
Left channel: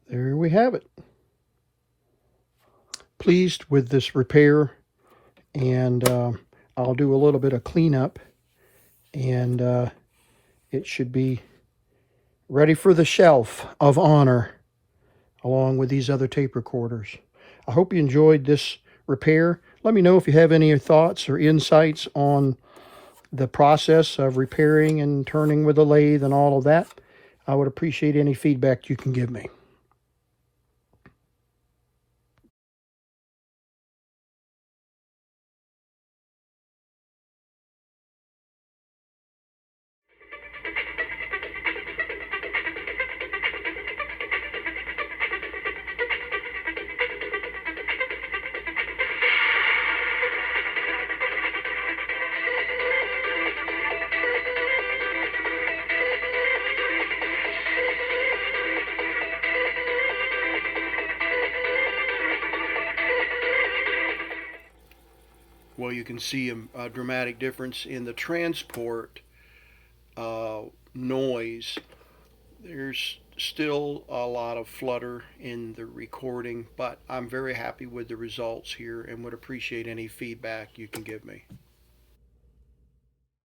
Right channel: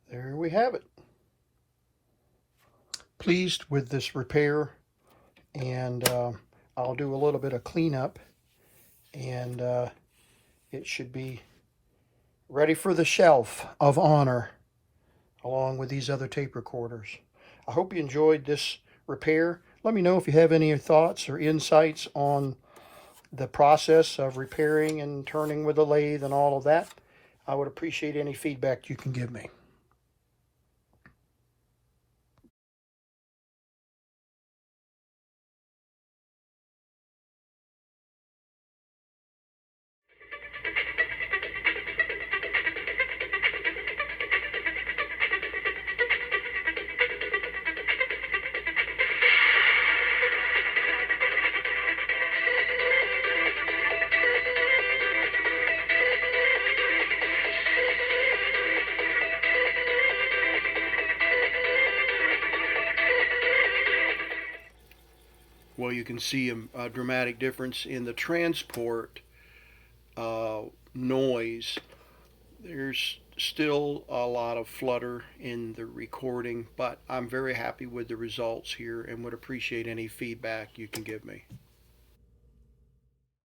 There we have it. Pleased with this repair, and I'll do a little bit of cleanup, and it should be ready for the shelf of honor along with these other tape recorders. I hope you enjoyed this repair. Let me know if you have any thoughts or insights on the process of repairing and turning with a lathe and all of that. I would appreciate any feedback you can give me. well, you can see a dramatic difference in the transport noise. There's still a lot of flutter in the recording, but I'm very happy with the results here and would appreciate any feedback you can give me.